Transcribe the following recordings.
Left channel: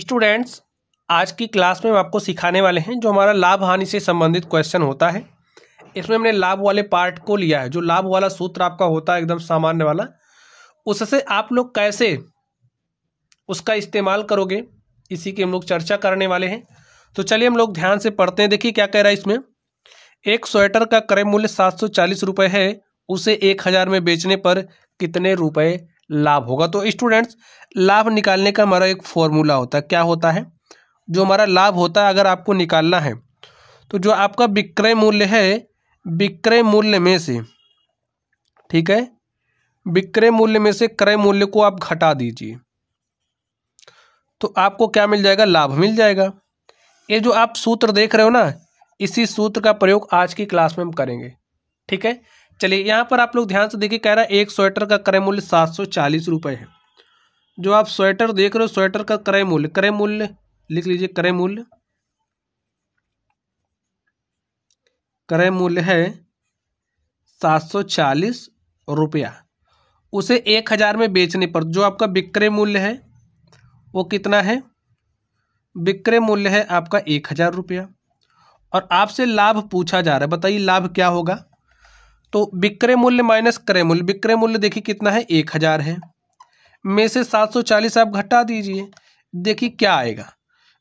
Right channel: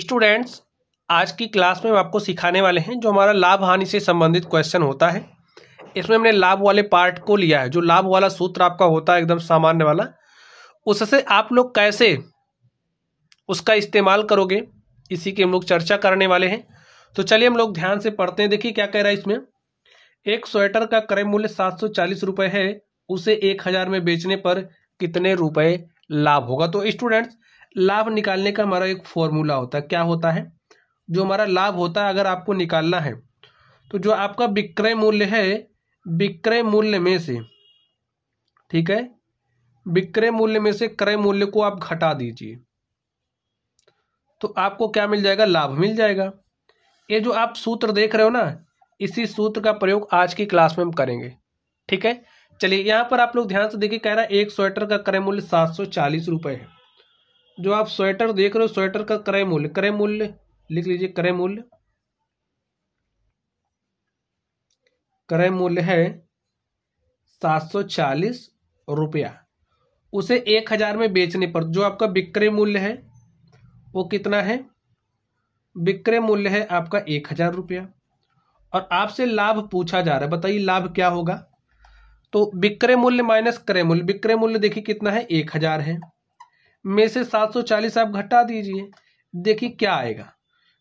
Students, आज की class में हम आपको सिखाने वाले हैं जो हमारा लाभ हानि से संबंधित क्वेश्चन होता है। इसमें हमने लाभ वाले पार्ट को लिया है। जो लाभ वाला सूत्र आपका होता है एकदम सामान्य वाला, उससे आप लोग कैसे उसका इस्तेमाल करोगे, इसी की हम लोग चर्चा करने वाले हैं। तो चलिए हम लोग ध्यान से पढ़ते हैं। देखिए क्या कह रहा है इसमें। एक स्वेटर का क्रय मूल्य 740 रुपये है, उसे 1000 में बेचने पर कितने रुपए लाभ होगा। तो स्टूडेंट्स, लाभ निकालने का हमारा एक फॉर्मूला होता है। क्या होता है? जो हमारा लाभ होता है, अगर आपको निकालना है तो जो आपका विक्रय मूल्य है, विक्रय मूल्य में से, ठीक है, विक्रय मूल्य में से क्रय मूल्य को आप घटा दीजिए तो आपको क्या मिल जाएगा? लाभ मिल जाएगा। ये जो आप सूत्र देख रहे हो ना, इसी सूत्र का प्रयोग आज की क्लास में हम करेंगे। ठीक है, चलिए यहाँ पर आप लोग ध्यान से देखिए। कह रहा है एक स्वेटर का क्रय मूल्य 740 रुपये है। जो आप स्वेटर देख रहे हो, स्वेटर का क्रय मूल्य लिख लीजिए। क्रय मूल्य है 740 रुपया। उसे 1000 में बेचने पर जो आपका विक्रय मूल्य है वो कितना है? विक्रय मूल्य है आपका 1000 रुपया और आपसे लाभ पूछा जा रहा है। बताइए लाभ क्या होगा? तो विक्रय मूल्य माइनस क्रय मूल्य। विक्रय मूल्य देखिए कितना है? 1000 है। में से 740 आप घटा दीजिए, देखिए क्या आएगा।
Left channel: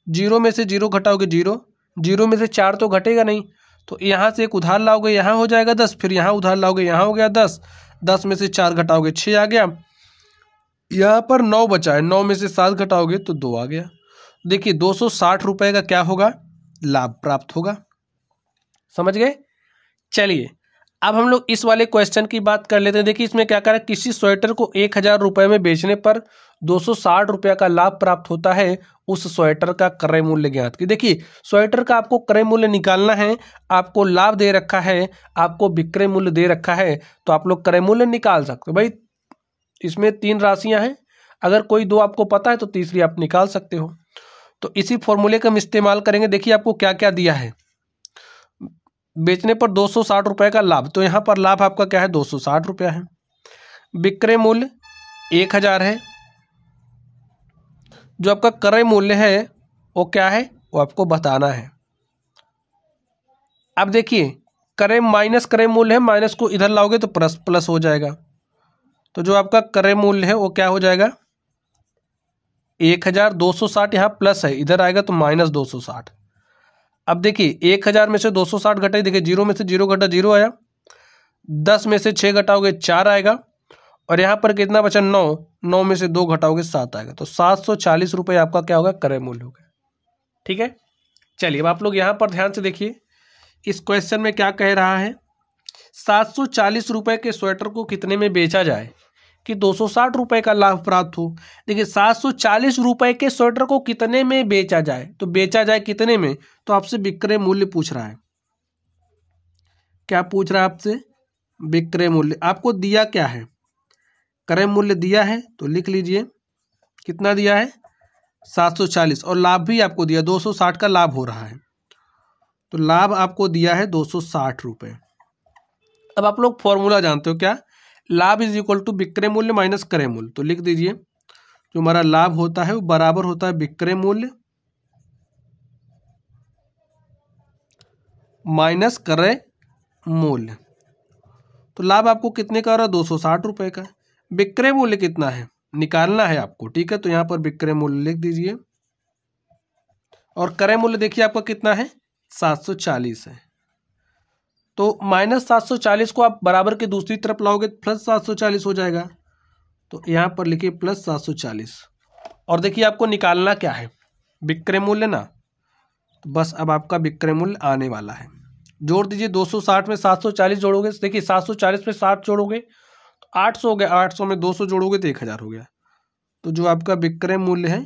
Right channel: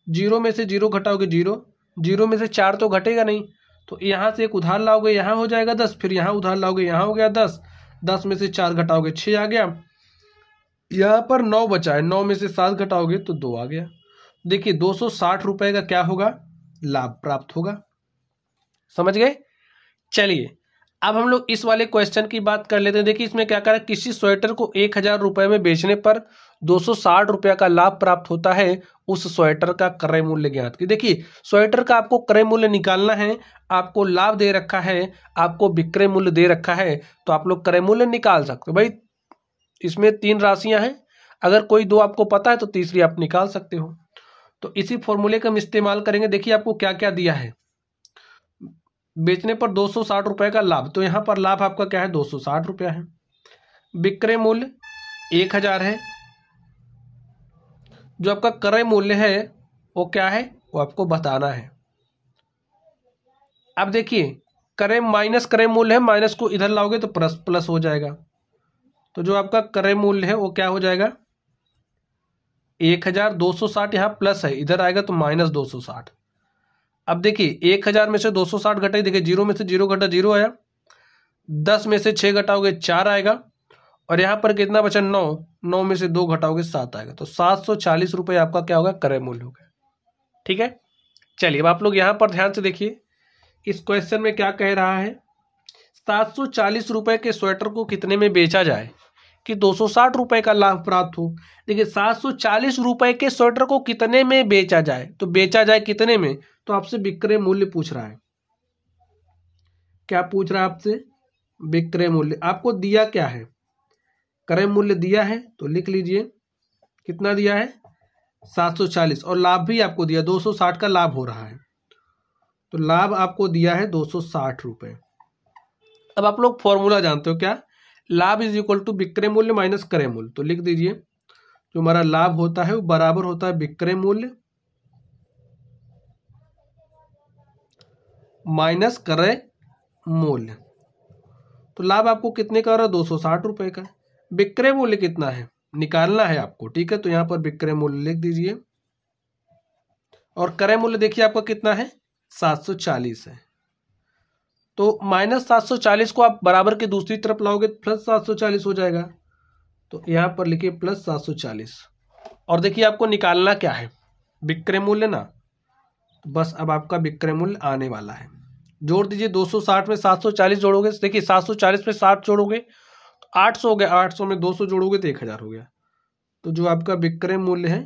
0 में से 0 घटाओगे 0, 0 में से 4 तो घटेगा नहीं, तो यहाँ से एक उधार लाओगे, यहाँ हो जाएगा 10, फिर यहाँ उधार लाओगे, यहाँ हो गया 10, 10 में से 4 घटाओगे 6 आ गया। यहाँ पर 9 बचा है, 9 में से 7 घटाओगे तो 2 आ गया। देखिए 260 रुपये का क्या होगा? लाभ प्राप्त होगा। समझ गए? चलिए अब हम लोग इस वाले क्वेश्चन की बात कर लेते हैं। देखिए इसमें क्या कह रहा है। किसी स्वेटर को 1000 रुपये में बेचने पर 260 रुपये का लाभ प्राप्त होता है। उस स्वेटर का क्रय मूल्य ज्ञात कीजिए। देखिए स्वेटर का आपको क्रय मूल्य निकालना है, आपको लाभ दे रखा है, आपको विक्रय मूल्य दे रखा है, तो आप लोग क्रय मूल्य निकाल सकते हो। भाई इसमें 3 राशियां हैं, अगर कोई 2 आपको पता है तो तीसरी आप निकाल सकते हो। तो इसी फॉर्मूले का हम इस्तेमाल करेंगे। देखिए आपको क्या क्या दिया है। बेचने पर 260 रुपये का लाभ, तो यहाँ पर लाभ आपका क्या है? 260 रुपया है। विक्रय मूल्य 1000 है। जो आपका क्रय मूल्य है वो क्या है? वो आपको बताना है। अब देखिए क्रय माइनस क्रय मूल्य है, माइनस को इधर लाओगे तो प्लस प्लस हो जाएगा। तो जो आपका क्रय मूल्य है वो क्या हो जाएगा? 1000, 260 यहाँ प्लस है, इधर आएगा तो माइनस 260। अब देखिए 1000 में से 260 घटाई, देखिए 0 में से 0 घटा 0 आया, 10 में से 6 घटाओगे 4 आएगा, और यहाँ पर कितना बचा? 9, 9 में से 2 घटाओगे 7 आएगा। तो 740 रुपये आपका क्या होगा? क्रय मूल्य होगा। ठीक है, चलिए अब आप लोग यहाँ पर ध्यान से देखिए। इस क्वेश्चन में क्या कह रहा है? 740 रुपये के स्वेटर को कितने में बेचा जाए कि 260 रुपये का लाभ प्राप्त हो। देखिए 740 रुपये के स्वेटर को कितने में बेचा जाए, तो बेचा जाए कितने में, तो आपसे विक्रय मूल्य पूछ रहा है। क्या पूछ रहा है आपसे? विक्रय मूल्य। आपको दिया क्या है? क्रय मूल्य दिया है, तो लिख लीजिए कितना दिया है? 740, और लाभ भी आपको दिया 260 का लाभ हो रहा है, तो लाभ आपको दिया है 260 रुपये। अब आप लोग फॉर्मूला जानते हो क्या? लाभ इज इक्वल टू विक्रय मूल्य माइनस क्रय मूल्य। तो लिख दीजिए जो हमारा लाभ होता है वो बराबर होता है विक्रय मूल्य माइनस क्रय मूल्य। तो लाभ आपको कितने का हो रहा है? 260 रुपये का। विक्रय मूल्य कितना है निकालना है आपको, ठीक है, तो यहाँ पर विक्रय मूल्य लिख दीजिए। और क्रय मूल्य देखिए आपका कितना है? 740 है। तो माइनस 740 को आप बराबर के दूसरी तरफ लाओगे प्लस 740 हो जाएगा। तो यहाँ पर लिखिए प्लस 740। और देखिए आपको निकालना क्या है? विक्रय मूल्य ना। तो बस अब आपका विक्रय मूल्य आने वाला है। जोड़ दीजिए 260 में 740 जोड़ोगे, देखिए 740 में 7 जोड़ोगे 800 हो गया, 800 में 200 जोड़ोगे तो 1000 हो गया। तो जो आपका विक्रय मूल्य है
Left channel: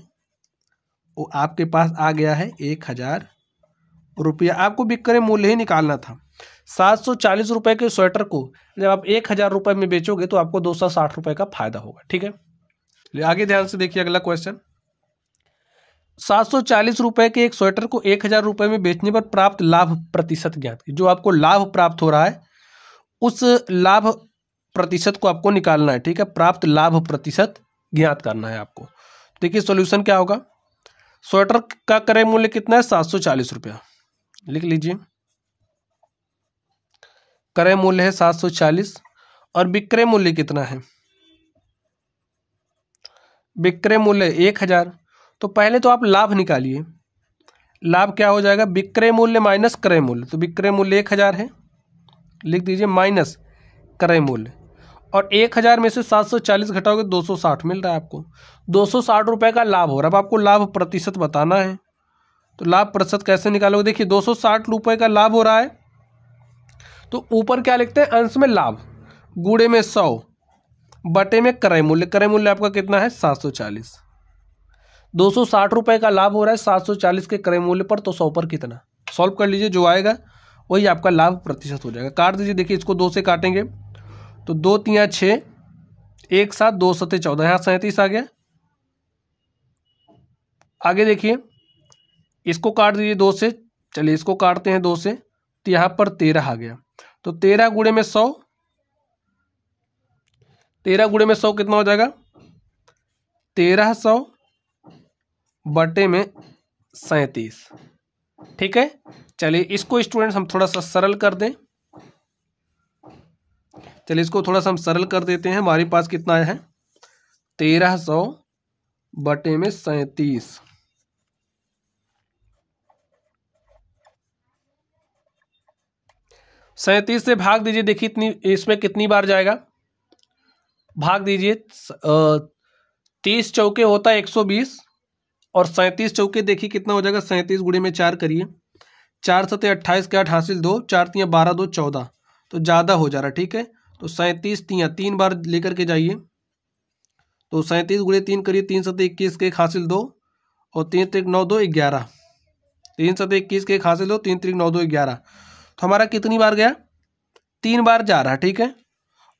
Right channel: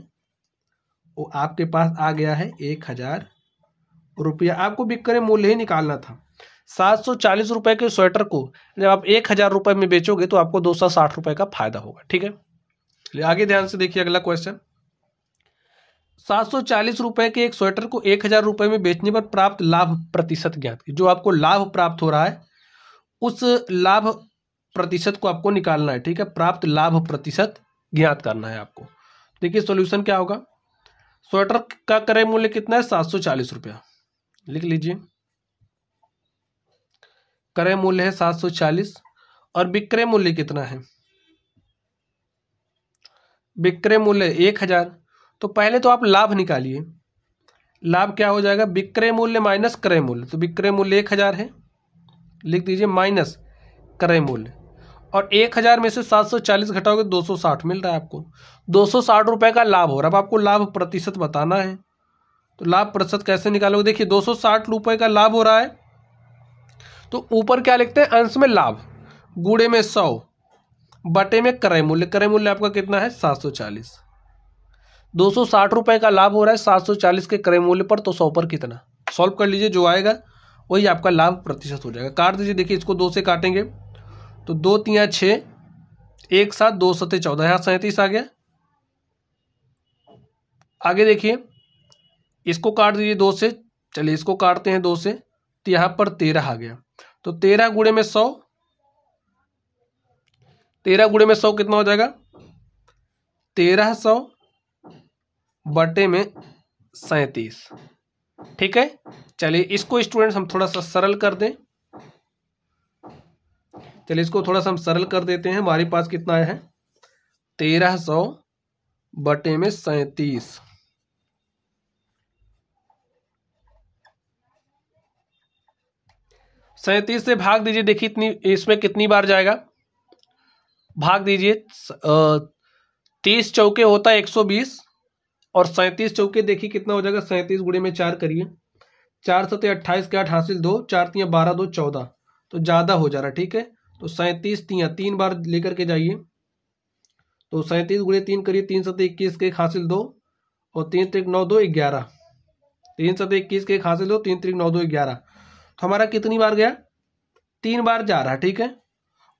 वो आपके पास आ गया है 1000 रुपया। आपको विक्रय मूल्य ही निकालना था। 740 रुपये के स्वेटर को जब आप 1000 रुपये में बेचोगे तो आपको 260 रुपये का फायदा होगा। ठीक है, चलिए आगे ध्यान से देखिए अगला क्वेश्चन। 740 रुपये के एक स्वेटर को 1000 रुपये में बेचने पर प्राप्त लाभ प्रतिशत ज्ञात कीजिए। जो आपको लाभ प्राप्त हो रहा है उस लाभ प्रतिशत को आपको निकालना है। ठीक है, प्राप्त लाभ प्रतिशत ज्ञात करना है आपको। देखिए सॉल्यूशन क्या होगा। स्वेटर का क्रय मूल्य कितना है? 740 रुपया। लिख लीजिए, क्रय मूल्य है 740 और विक्रय मूल्य कितना है? विक्रय मूल्य 1000। तो पहले तो आप लाभ निकालिए। लाभ क्या हो जाएगा? विक्रय मूल्य माइनस क्रय मूल्य। तो विक्रय मूल्य 1000 है, लिख दीजिए, माइनस क्रय मूल्य। और 1000 में से 740 घटाओगे 260 मिल रहा है आपको। 260 रुपये का लाभ हो रहा है। अब आपको लाभ प्रतिशत बताना है, तो लाभ प्रतिशत कैसे निकालोगे? देखिए 260 रुपये का लाभ हो रहा है, तो ऊपर क्या लिखते हैं? अंश में लाभ, गुणे में 100, बटे में क्रय मूल्य। क्रय मूल्य आपका कितना है? 740। 260 रुपये का लाभ हो रहा है 740 के क्रय मूल्य पर, तो 100 पर कितना? सॉल्व कर लीजिए, जो आएगा वही आपका लाभ प्रतिशत हो जाएगा। काट दीजिए। देखिए इसको 2 से काटेंगे तो 2 3 6, 1 7, 2 7 14, यहाँ 37 आ गया। आगे देखिए इसको काट दीजिए 2 से, चलिए इसको काटते हैं 2 से, तो यहाँ पर 13 आ गया। तो 13 गुणे में 100, 13 गुणे में 100 कितना हो जाएगा? 1300 बटे में 37। ठीक है, चलिए इसको स्टूडेंट्स हम थोड़ा सा सरल कर दें। चलिए इसको थोड़ा सा हम सरल कर देते हैं। हमारे पास कितना है? 1300 बटे में 37। 37 से भाग दीजिए। देखिए इतनी, इसमें कितनी बार जाएगा? भाग दीजिए। 30 चौके होता है 120 और 37 चौके देखिए कितना हो जाएगा? 37 गुणे में 4 करिए, 4 7 28 के 8 हासिल 2, 4 3 12 2 14, तो ज़्यादा हो जा रहा। ठीक है, तो 37 3 बार लेकर के जाइए, तो 37 गुणे 3 करिए, 3 7 21 के 1 हासिल 2 और 3 3 9 2 11, 3 7 21 के 1 हासिल 2, 3 3 9 2 11। तो हमारा कितनी बार गया? 3 बार जा रहा है। ठीक है,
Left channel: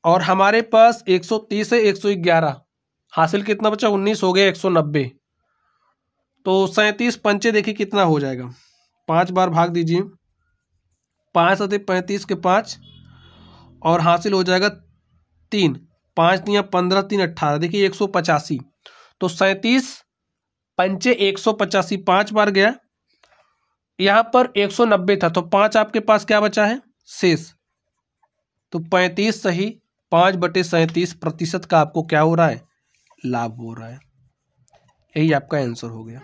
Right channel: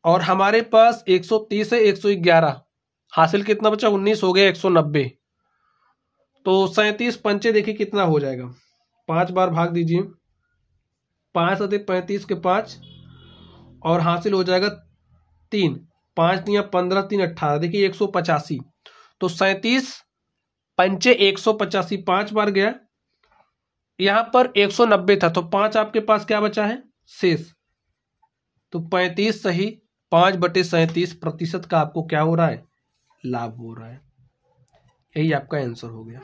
और हमारे पास 130 है, 111 हासिल कितना बचा? 19 हो गया, 190। तो 37 पंचे देखिए कितना हो जाएगा? 5 बार भाग दीजिए, 5 7 35 के 5 और हासिल हो जाएगा 3, 5 3 15 3 18, देखिए 185। तो 37 पंचे 185, 5 बार गया। यहाँ पर 190 था, तो 5 आपके पास क्या बचा है? शेष। तो 35 सही 5/37% का आपको क्या हो रहा है? लाभ हो रहा है। यही आपका आंसर हो गया।